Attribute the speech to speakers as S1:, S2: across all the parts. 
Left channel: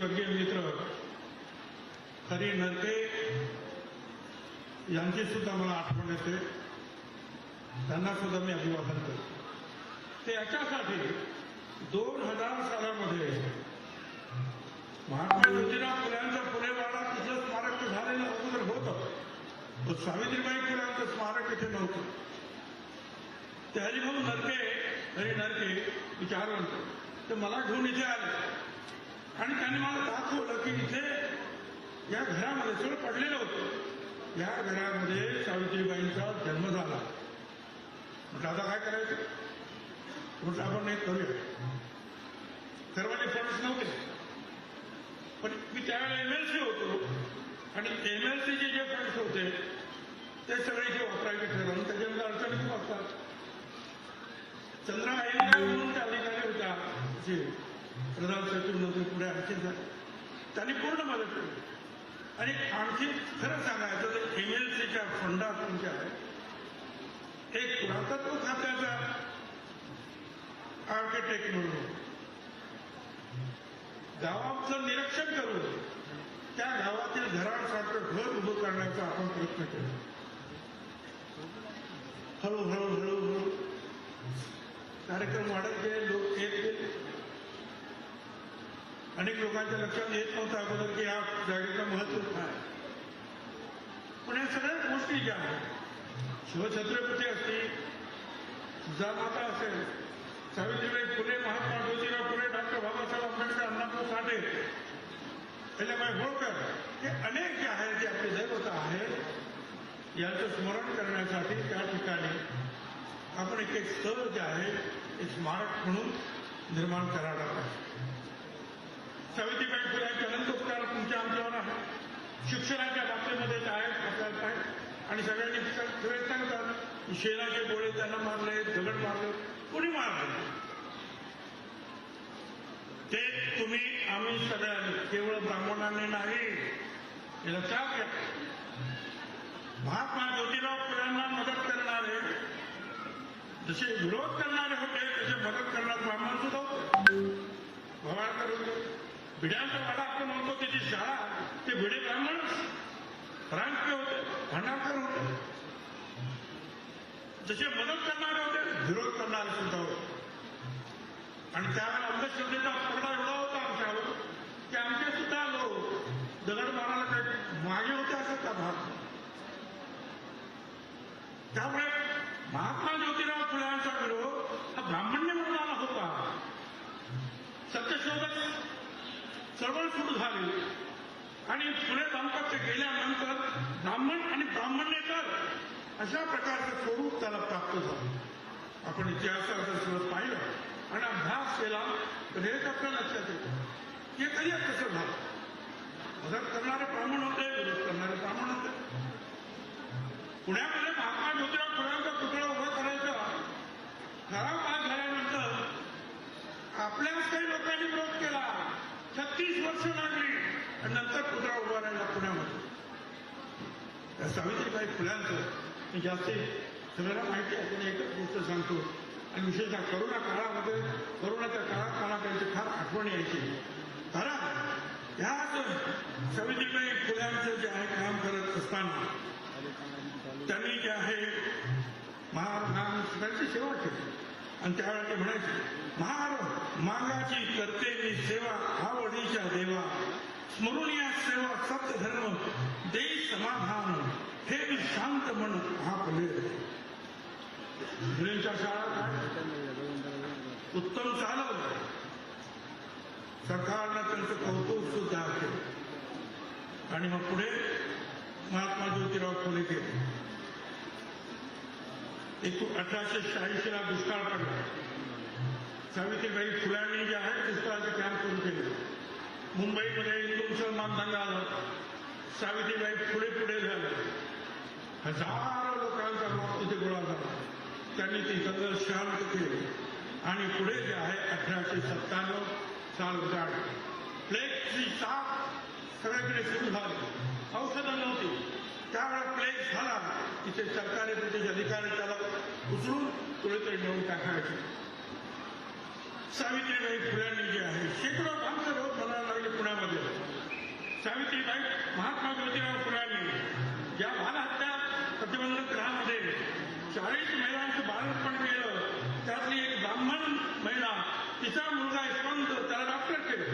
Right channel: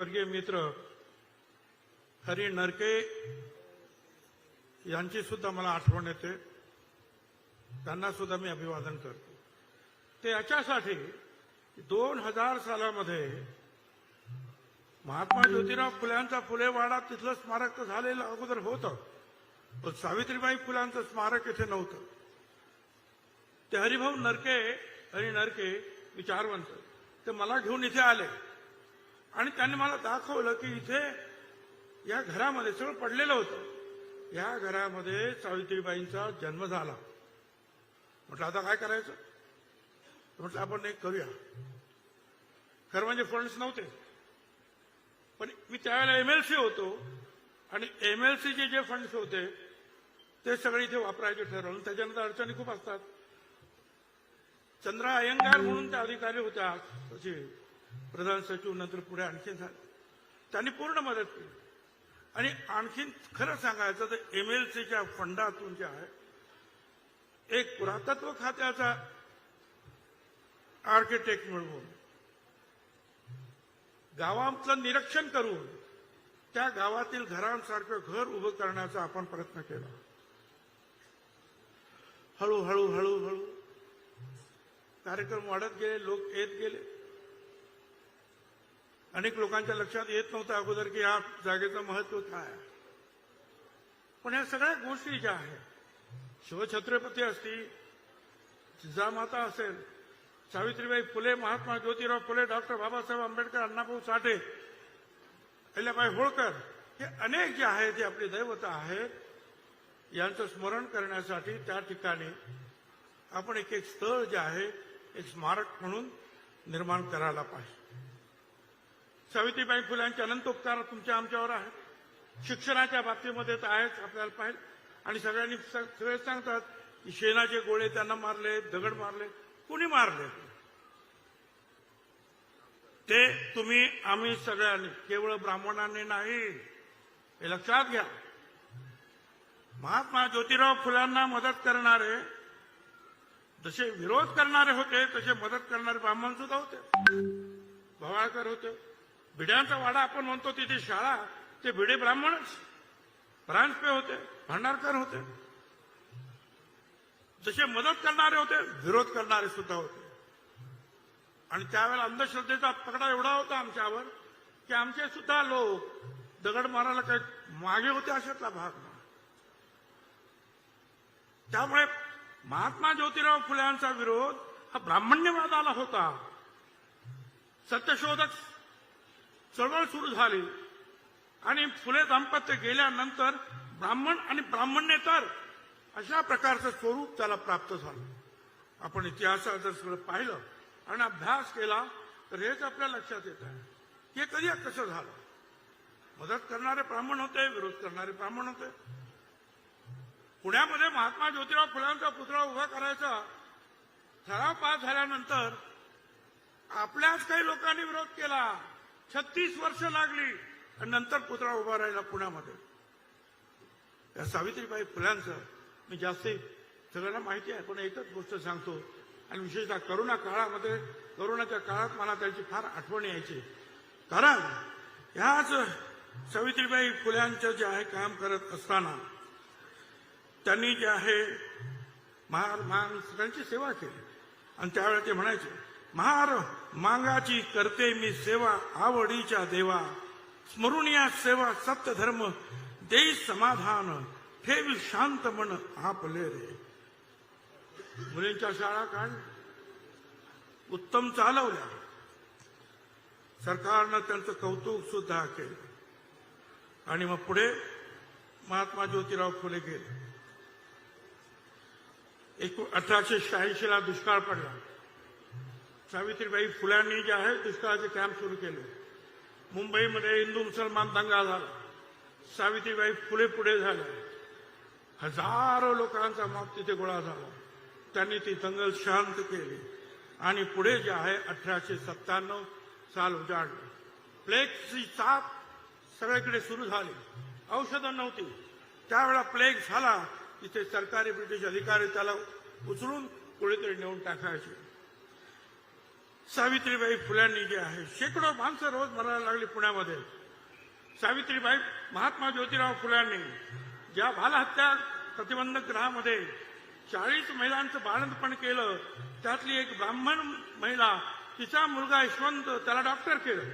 S1: स्वर्गीय मित्र हरी नरके यांची सुद्धा मला आठवण येते. त्यांना सुद्धा मी अभिवादन करतो. ते याच्यासाठी दोन हजार सालामध्ये महात्मा ज्योतिराव फुल्यांचा फुलेवाडा तिथं स्मारक झालेलं अगोदर होतं. पण सावित्रीबाई फुलांचं स्मारक इथे नव्हतं. ते हरिभाऊ नरके हरी नरके विचार म्हणतो. ते मला घेऊन इथे आले. आणि त्यांनी मला दाखवलं की इथे या घरामध्ये सगळं पडलेलं होतं. या घरामध्ये सावित्रीबाईंचा जन्म झाला. म्हटलं आता काय करायचं? म्हणजे आपण हे करूया. तर म्हणजे फंड्स नव्हते. पण मी त्यावेळेला एमएलसी होतो. आणि एमएलसीचे जे फंड्स होते ते सगळे इथे वापरायला ठरवून त्याच्यानंतर अडचणी खूप असतात. चंद्रा अयंगार म्हणून त्या अधिकारी होत्या. जे प्रधान सचिव नंतर पुढे आणखी झाले त्यांनी पूर्ण मदत केली. आणि आणखी खरं सांगायचं तर एम एल सीच्या फंडातून जे आहे एक पुरातत्व खात्याचा आर्किटेक्ट म्हणून गावाचं निरीक्षण करून त्या गावातील घरांसारखं घर उभं करण्याचा आपण प्रयत्न केला. हळूहळू हळूहळू कार्यक्रम वाढत गेले लोक येत गेले. अनेक लोकांच्या लक्षात येत नव्हतं अगोदर की या जागेचं महत्त्व काय पण या सगळ्या गोष्टी ज्या आहेत शिवछत्रपती असतील जिजामाता असेल सावित्रीबाई फुले महात्मा ज्योतिराव फुले डॉक्टर बाबासाहेब आंबेडकर अण्णाभाऊ साठे अहिल्याबाई होळकर हे अनेक जे आहेत जे आपले दैवत आहेत यांचं स्मरण करण्यासाठी त्या ठिकाणी आपण एक एक स्थळ जे आहे ते स्मारक म्हणून निर्माण करायला पाहिजे. सावित्रीबाई फुल्यांचे अनंत उपकार तुमच्या आमच्यावर आहे. शिक्षणाच्या बाबतीमध्ये ते आहेच आपल्याला आणि सगळ्यांनी सगळे सांगतात शेणाचे गोळे त्यांना मारले दगड मारले. कोणी मारले ते तुम्ही आम्ही सगळ्यांनी केवळ ब्राह्मणाने नाही. लक्षात घ्या महात्मा ज्योतिराव फुलांना मदत करणारे जसे विरोध करणारे होते तसे मदत करणारे ब्राह्मण सुद्धा होते. भवाळकर होते. भिड्यांचा वाडा आपण म्हणतो त्याची शाळा ते भिडे ब्राह्मण राजपे होते भांडारकर होते. जसे मदत करणारे होते विरोध करणारे सुद्धा होते. आणि त्यावेळेला अंधश्रद्धेचा पकडा एवढा होता आमच्यावर की आमचे सुद्धा लोक दगड मारायला मागे होते अशाचा भाग त्यामुळे महात्मा ज्योतिराव फुल्यांचा विरोध हा ब्राह्मण्यवादाला होता. सत्यशोधक चळवळ सुरू झाली. आणि फुले दाम्पत्य गेल्यानंतर ब्राह्मण आणि ब्राह्मण्येतर अशा प्रकारचं स्वरूप त्याला प्राप्त झालं. आपण इतिहासाचं जर पाहिलं आणि अभ्यास केला तर हेच आपल्या लक्षात येतं. हे कधी कसं झालं? मदत करणारे ब्राह्मण होते विरोध करणारे ब्राह्मण होते. पुण्यामध्ये महात्मा ज्योतिराव फुलांचा पुतळा उभा करायचा ठराव पास झाल्यानंतर आपल्याच काही लोकांनी विरोध केला. छत्तीस वर्ष लागली. आणि नंतर पुतळा उभा राहिला पुण्यामध्ये. त्या सावित्रीबाई फुल्यांचं मी जास्ती सगळ्यांना माहिती आहे पण एकच गोष्ट सांगतो. आणि विशेषतः करोना काळामध्ये करोनाच्या काळात मला त्यांची फार आठवण यायची. कारण ह्याच सावित्रीबाई फुल्यांचं जे आहे काम करत असताना त्यांनी जे आहे महा- महा- सेवा केली. आणि त्यावेळेला ते म्हणायचे महाराष्ट्र मागाची करते मी सेवा हा वडीच्या देवा. स्मरून या सेवा सप्त धर्म देई समाधान. हे मी शांत मन हा फुले मुलींच्या शाळा काय? उत्तम चालवल्या. सरकारनं त्यांचं कौतुक सुद्धा केलं. आणि मग पुढे महात्मा ज्योतिराव फुले गेले. एकूण अठराशे शहाऐंशी ला दुष्काळ पडला. सावित्रीबाई फुल्यांनी जे आहे दुष्काळाचे कॅम्प सुरू केले. मुंबईमध्ये हिंदू मुसलमान दंगा झाला सावित्रीबाई पुढे पुढे झाले. हजारो लोकांचा मग तिथे गोळा झाला. त्यांनी ती दंगल शांत केली. आणि पुढे जे आहे अठराशे सत्त्याण्णव साल उजाड. प्लेगची साप सगळीकडे सुरू झाली. औषधं नव्हती. त्यावेळा प्लेग झाला. तिथे सरकारी ब्रिटिश अधिकारी त्याला उचलून कुठेतरी नेऊन टाकायचे. सावित्रीबाई फुल्यांनी जे आहे शेकडो माणसं रोज भरायला लागली पुण्यामध्ये. सावित्रीबाई महात्मा ज्योतिराव फुल्यांनी या बालहत्या प्रतिबंधक ग्रहामध्ये चाळीस महिलांचं बाळंतपण केलं त्यातली एक ब्राह्मण महिला तिचा मुलगा यशवंत त्याला डॉक्टर केलं.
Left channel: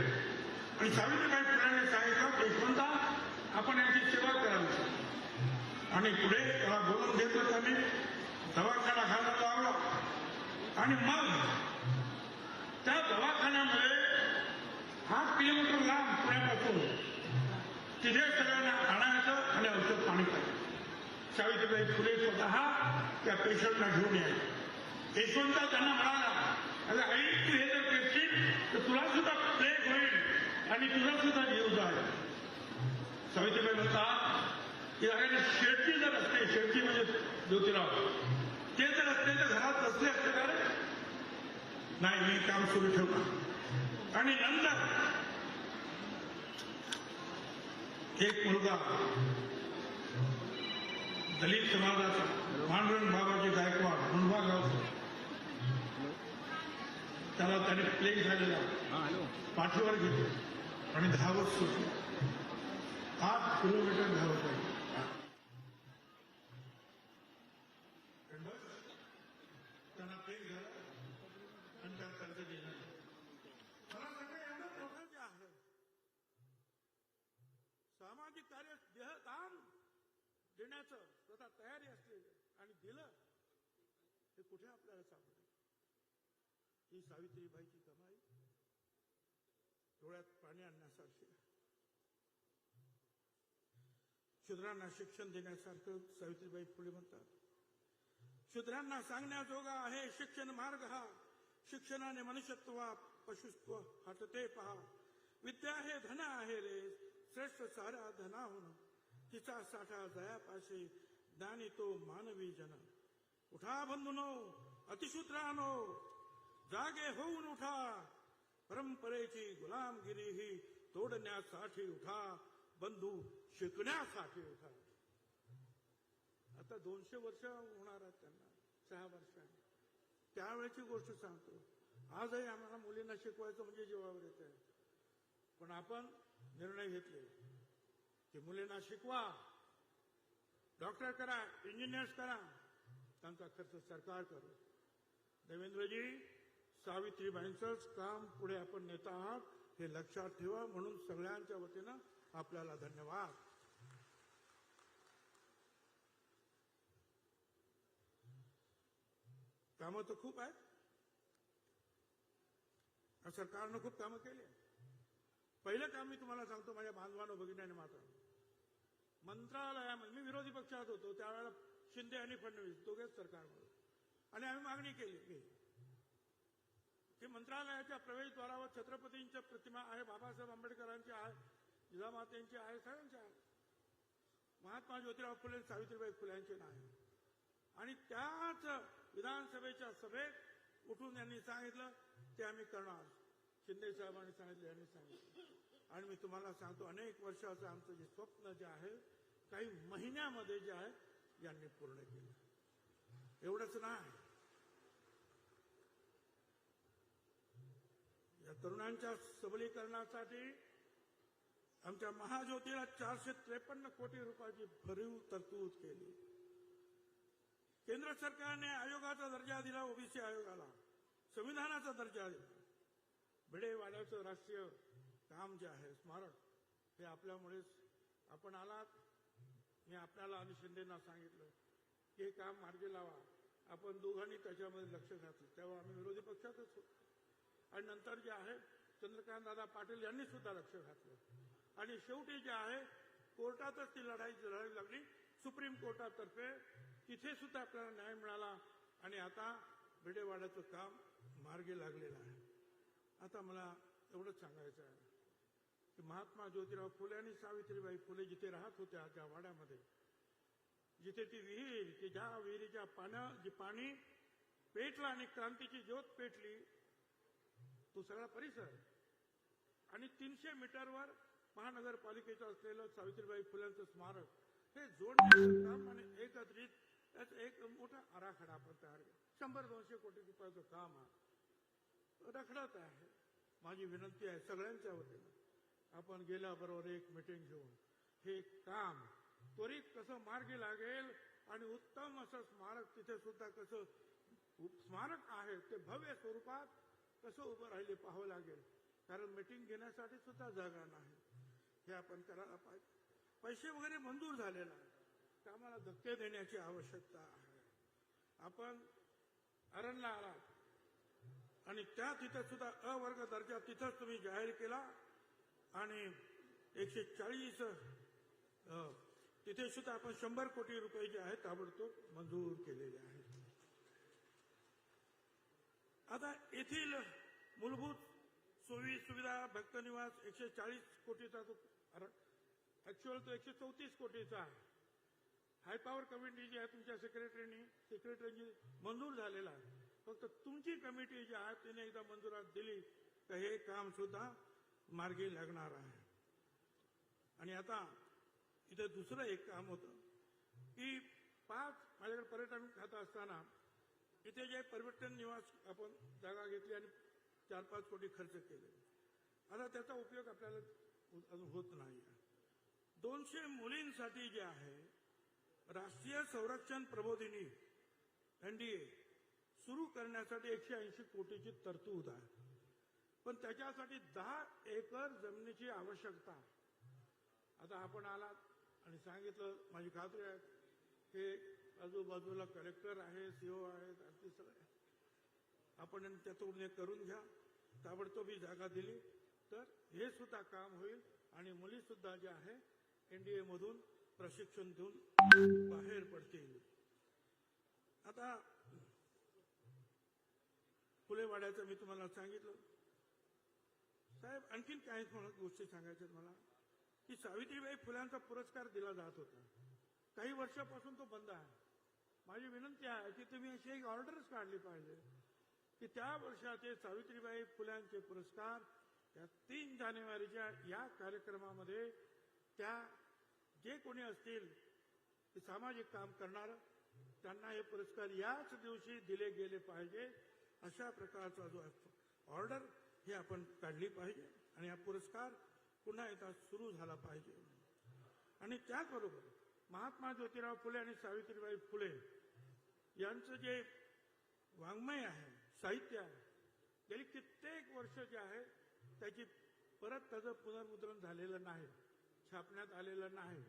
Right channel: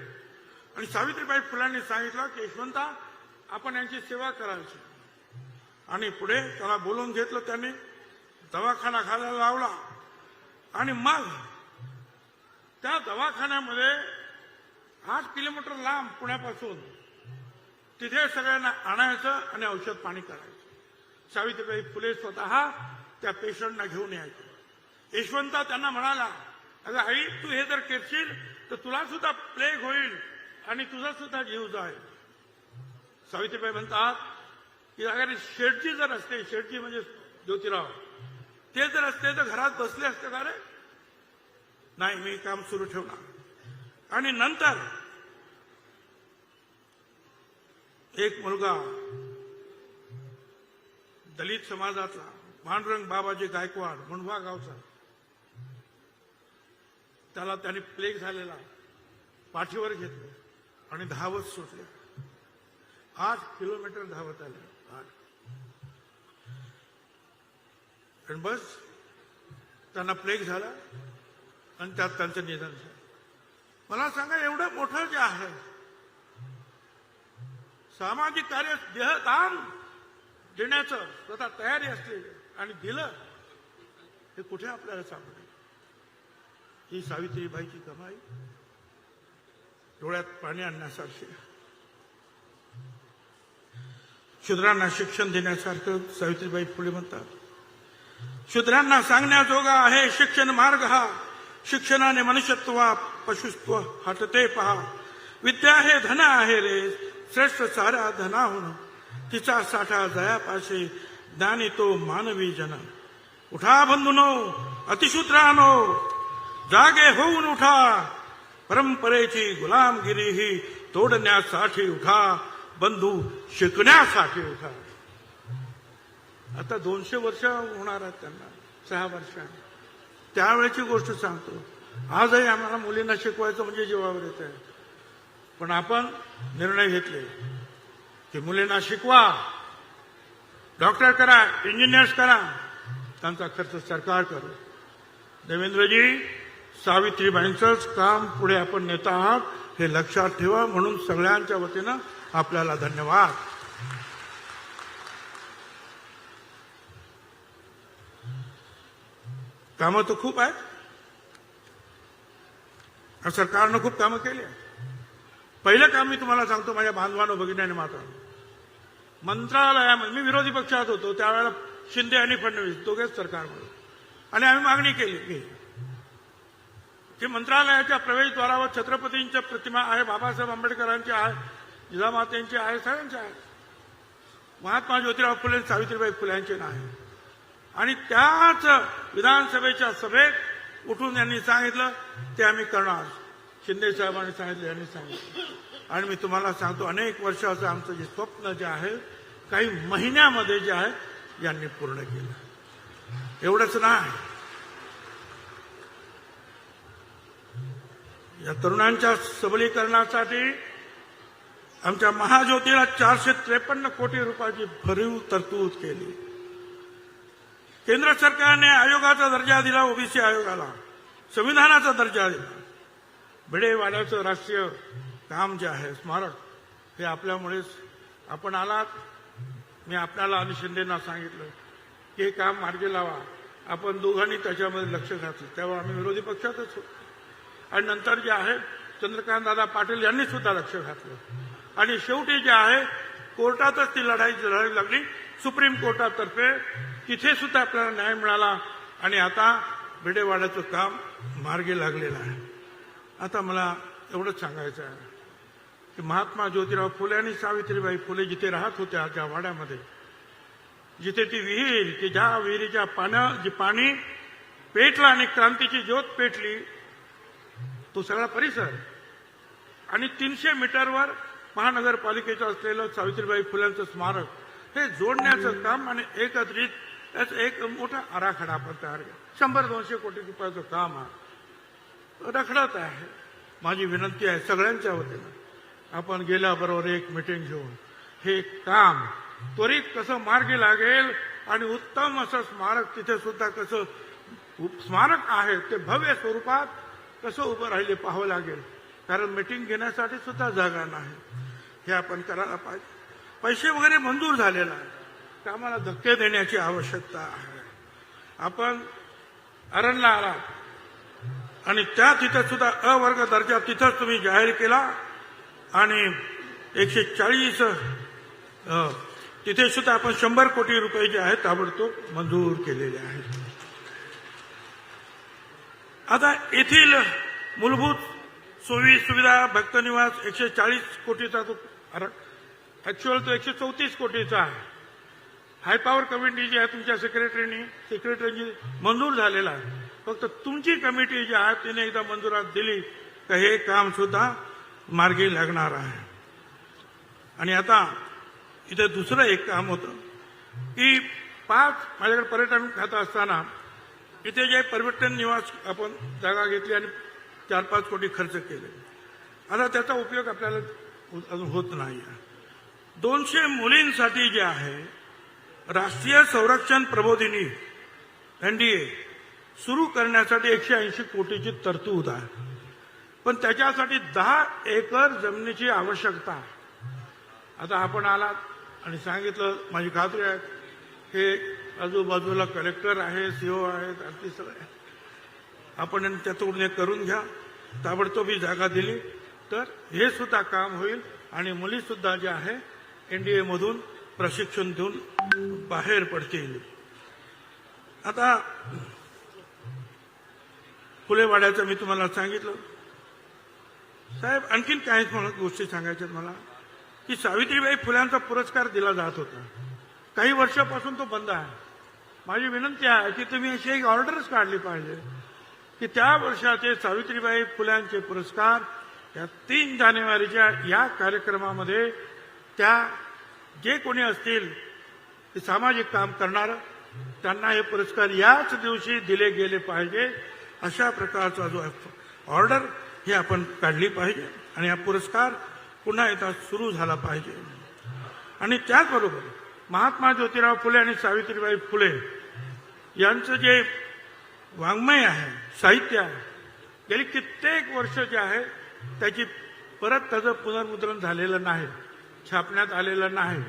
S1: आणि सावित्रीबाई फुलांनी सांगितलं की यशवंता आपण यांची सेवा करावी. आणि पुढे त्याला बोलवून घेतलं त्यांनी दवाखाना खायला लावला. आणि मग त्या दवाखान्यामध्ये आठ किलोमीटर लांब पुण्यापासून तिथे सगळ्यांना आणायचं आणि औषध पाणी करायचं. सावित्रीबाई फुले स्वतः त्या पेशंटना घेऊन यायचे. यशवंता त्यांना म्हणाला अरे आई तू हे जर करशील तर तुला सुद्धा प्लेग होईल आणि तुझा सुद्धा जीव जाईल. सावित्रीबाई म्हणतात की अगदी शेडची जर असते शेडची म्हणजे ज्योतिराव ते जर असते तर घरात बसले असते ना रे? नाही मी काम सुरू ठेवणार आणि नंतर एक मुलगा दलित समाजाचा भानरंग बाबाजी गायकवाड मुंबा गावचा. त्याला त्याने प्लेग झालेला पाठीवर घेतलं आणि धावत सुटली आठ किलोमीटर धावत आहे आणि बस त्यांना प्लेग झाला. आणि त्यात त्यांचं निधन झालं. मला सांगा एवढं मोठं जे आहे सामाजिक कार्य देहदान देण्याचं स्वतः तयारी असते आणि दिलं हे कुठे आपल्याला सापडेल? ही सावित्रीबाईची कमाई डोळ्यात पाणी आणण्यासारखी. शुद्रांना शूद्रांना शिक्षण देण्यासारखं सावित्रीबाई फुले म्हणतात शूद्रांना सांगण्याजोगा आहे शिक्षण मार्ग हा. शिक्षणाने मनुष्यत्व पशुत्व हटते पहा. विद्या हे धन आहे रे. श्रेष्ठ सारा धनाहून तिचा साठा जयापाशे ज्ञानी तो मानवी जन. उठा बंधुनो अतिशूत्रानो जागे होऊन उठा. परंपरेची गुलामगिरी ही तोडण्यासाठी उठा. बंधू शिकण्यासाठी उठा. आता दोनशे वर्ष होणार आहेत त्यांना. सहा वर्षांनी त्यावेळेची गोष्ट सांगतो. आजही आम्हाला मुलींना शिकवायचं म्हणजे जीवावर येत आहे. पण आपण निर्णय घेतले. की मुलींना शिकवा. डॉक्टर करा इंजिनियर्स करा. त्यांचा खर्च सरकार करू देवेंद्रजी सावित्रीबाईंचंच काम पुढे आपण नेत आहात हे लक्षात ठेवा. म्हणून सगळ्यांच्या वतीनं आपल्याला धन्यवाद. कामं तर खूप आहेत. सरकारनं खूप कामं केली आहेत. पहिलं काम मी तुम्हाला सांगतो माझ्या बांधवानं भगिनीने मात्र मंत्रालयामध्ये मी विरोधी पक्षात होतो त्यावेळेला शिंदे आणि फडणवीस दोघेच सरकारमध्ये. आणि आम्ही मागणी केली की की मंत्रालयाच्या प्रवेशद्वारावर छत्रपतींच्या प्रतिमा आहे बाबासाहेब आंबेडकरांची आहे जिजामातेंची आहे सगळ्यांची आहे. महात्मा ज्योतिराव फुले सावित्रीबाई फुल्यांचे नाही. आणि त्याच विधानसभेच्या सभेत उठून यांनी सांगितलं ते आम्ही करणार. शिंदे साहेबांनी सांगितलं यांनी सांगितलं. आणि मी तुम्हाला सांगतो अनेक वर्षाचं आमचं जे स्वप्न जे आहे काही महिन्यामध्ये जे आहे यांनी पूर्ण केलं. एवढंच नाही. या तरुणांच्या सबलीकरणासाठी आमच्या महाज्योतीला चारशे त्रेपन्न कोटी रुपयाची भरीव तरतूद केली. केंद्र सरकारने आयोगाचा दर्जा दिला ओबीसी आयोगाला. संविधानाचा दर्जा दिला. भिडेवाड्याचं राष्ट्रीय काम जे आहे स्मारक हे आपल्यामुळेच आपण आलात. मी आपल्याला आणि शिंदेना सांगितलं की हे काम मार्गी लावा. आपण दोघांनी त्याच्यामध्ये लक्ष घातलं. तेव्हा आम्ही विरोधी पक्षातच होतो. आणि नंतर जे आहे चंद्रकांत दादा पाटील यांनी सुद्धा लक्ष घातलं. आणि शेवटी जे आहे कोर्टातच ती लढाई लढावी लागली. सुप्रीम कोर्टातर्फे तिथे सुद्धा आपल्याला न्याय मिळाला आणि आता भिडेवाड्याचं काम मार्गी लागलेलं आहे. आता मला एवढंच सांगायचं आहे की महात्मा ज्योतिराव फुले आणि सावित्रीबाई फुले जिथे राहत होत्या त्या वाड्यामध्ये जिथे ती विहीर की ज्या विहिरीच्या पाण्या जी पाणी पेटलं आणि क्रांतीची ज्योत पेटली तो सगळा परिसर. आणि तीनशे मीटरवर महानगरपालिकेचं असलेलं सावित्रीबाई फुल्यांचं स्मारक हे जोडण्याचं काम आणि एकत्रित त्याचं एक मोठा आराखडा आपण तयार केला. शंभर दोनशे कोटी रुपयाचं काम आहे रखडत आहे. माझी विनंती आहे सगळ्यांच्या वतीनं. आपण गेल्याबरोबर एक मिटिंग घेऊन हे काम त्वरित कसं मार्गी लागेल आणि उत्तम असं स्मारक तिथे सुद्धा कसं स्मारक आहे ते भव्य स्वरूपात कसं उभं राहिले पाहावं लागेल. कारण मिटिंग घेण्यासाठी सुद्धा जागा नाही. हे आपण करायला पाहिजे. पैसे वगैरे मंजूर झालेला आहे कामाला धक्के देण्याची आवश्यकता आहे. आपण अरणला आलात आणि त्या तिथं सुद्धा अवर्ग दर्जा तिथंच तुम्ही जाहीर केला आणि एकशे चाळीस तिथे सुद्धा आपण शंभर कोटी रुपये जे आहेत ताबडतोब मंजूर केलेले आहेत. आता येथील मूलभूत सोयी सुविधा भक्तनिवास एकशे चाळीस कोटीचा तो ऍक्च्युअल तो एकशे चौतीस कोटीचा आहे. हाय पॉवर कमिटी जी आहे तुमच्या सेक्रेटरीनी सेक्रेटरीची मंजूर झालेला आहे. फक्त तुमची कमिटी जी आहे तिने एकदा मंजुरात दिली तर हे काम सुद्धा मार्गी लागणार आहे. आणि आता इथे दुसरं एक काम होतं की पाच माझ्याकडे पर्यटन खातं असताना इथे जे पर्यटन निवास आपण जागा घेतली आणि चार पाच कोटी खर्च केले. आता त्याचा उपयोग आपल्याला अजून होत नाही आहे दोनशे मुलींसाठी जे आहे राष्ट्रीय संरक्षण प्रबोधिनी एनडीए सुरू करण्यासाठी एकशे ऐंशी कोटीची तरतूद आहे. पण त्याच्यासाठी दहा एकर जमिनीची आवश्यकता आता आपण आलात आणि सांगितलं माझी खात्री आहे हे आजूबाजूला कलेक्टर आहे सीओ आहेत आणखी सगळे. आपण त्यातून हे करून घ्या. ताबडतोबी जागा दिली तर हे सुद्धा काम होईल आणि मुलीसुद्धा जे आहे एनडीए मधून प्रशिक्षण देऊन बाहेर पडतील आता फुलेवाड्याचं मी तुम्हाला सांगितलं. साहेब आणखीन काही मला गोष्टी सांगायच्यात मला. की सावित्रीबाई फुल्यांचा पुरस्कार दिला जात होता. काही वर्षापासून तो बंद आहे. माझी विनंती आहे की तुम्ही अशी एक ऑर्डरच काढली पाहिजे. की त्या वर्षाचे सावित्रीबाई फुल्यांचे पुरस्कार या तीन जानेवारीच्या या कार्यक्रमामध्ये त्या जे कोणी असतील ते सामाजिक काम करणार त्यांना हे पुरस्कार याच दिवशी दिले गेले पाहिजे. अशा प्रकारचा जो ऑर्डर ही आपण काढली पाहिजे आणि हा पुरस्कार पुन्हा एकदा सुरू झाला पाहिजे. आणि त्याचबरोबर महात्मा ज्योतिराव फुले आणि सावित्रीबाई फुले यांचं जे वाङ्मय आहे साहित्य आहे गेली कित्येक वर्ष जे आहे त्याची परत त्याचं पुनर्मुद्रण झालेलं नाही. छापण्यात आलेलं नाही.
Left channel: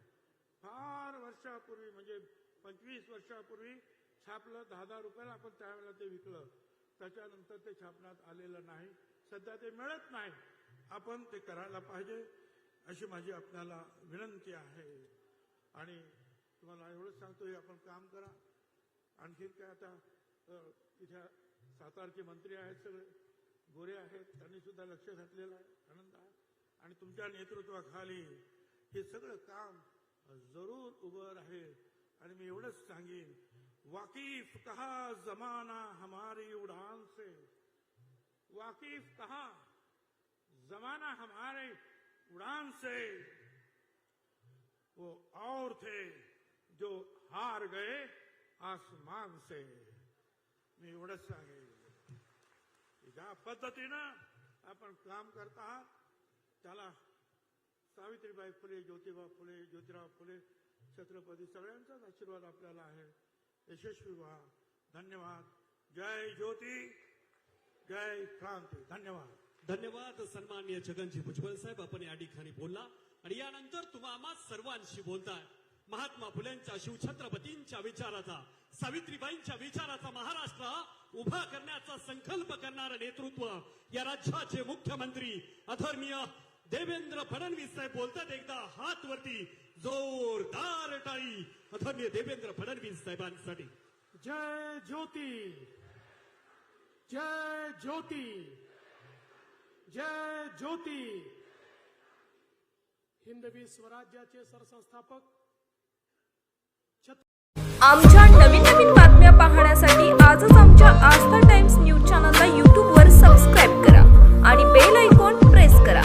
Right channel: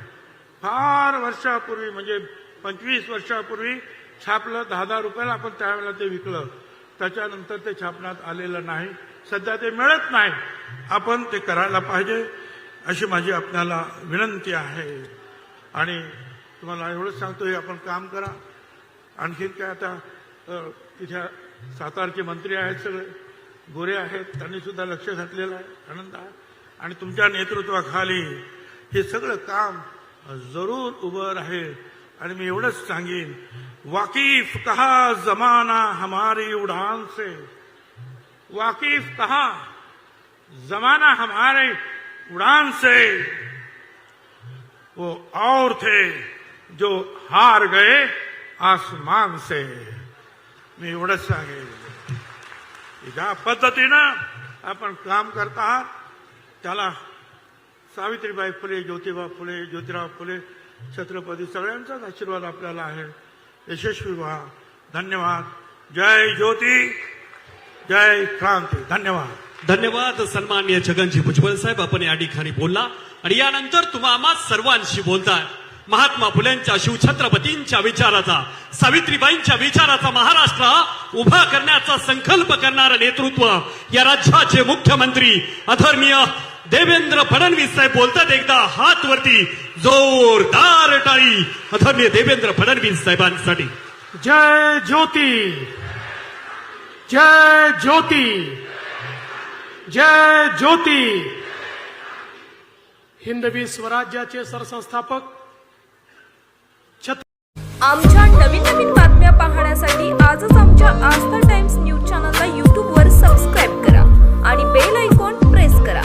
S1: फार वर्षापूर्वी म्हणजे पंचवीस वर्षापूर्वी छापलं दहा दहा रुपयाला आपण त्यावेळेला ते विकलं. त्याच्यानंतर ते छापण्यात आलेलं नाही. सध्या ते मिळत नाही. आपण ते करायला पाहिजे अशी माझी आपल्याला विनंती आहे. आणि तुम्हाला एवढंच सांगतो हे आपण काम करा. आणखीन काय आता तिथे सातारचे मंत्री आहेत सगळे. गोरे आहेत त्यांनी सुद्धा लक्ष घातलेलं आहे आनंद आहे. आणि तुमच्या नेतृत्वाखाली हे सगळं काम ज़रूर उभं राहील. आणि मी एवढंच सांगेन, वाकिफ कहा जमाना हमारी उड़ान से? वाकिफ कहा जमाना हमारे उड़ान से? वो और थे जो हार गए आसमान से। मी एवढंच सांगेन. ज्या पद्धतीनं आपण काम करत त्याला सावित्रीबाई फुले ज्योतिबा फुले ज्योतिराव फुले छत्रपती सगळ्यांचाच आशीर्वाद आपल्याला आहे. यशस्वी व्हा. धन्यवाद. जय ज्योती जय क्रांती. धन्यवाद.
S2: धन्यवाद. सन्मान्य छगनजी भुजबळ साहेब आपण या ठिकाणी बोलला. आणि यानंतर तुम्हा सर्वांशी बोलताय. महात्मा फुलेंच्या शिवछत्रपतींच्या विचाराचा सावित्रीबाईंच्या विचाराचा महाराष्ट्र उभा करण्याचा संकल्प करणारं नेतृत्व या राज्याचे मुख्यमंत्री अधर्मीय देवेंद्र फडणवीस साहेब बोलतात एकदा हात वरती जोरदार टाळी. आदरणीय देवेंद्र फडणवीस साहेबांसाठी.
S3: जय ज्योती. जय ज्योती. जय ज्योती. हिंदवी स्वराज्याचे सरसंस्थापक.
S4: आमच्या नवीन नवीन बातम्या पाहण्यासाठी आजच आमच्या आस्था टाइम्स न्यूज चॅनलला यूट्यूबवर सबस्क्राईब करा आणि बेल आयकॉन प्रेस करा.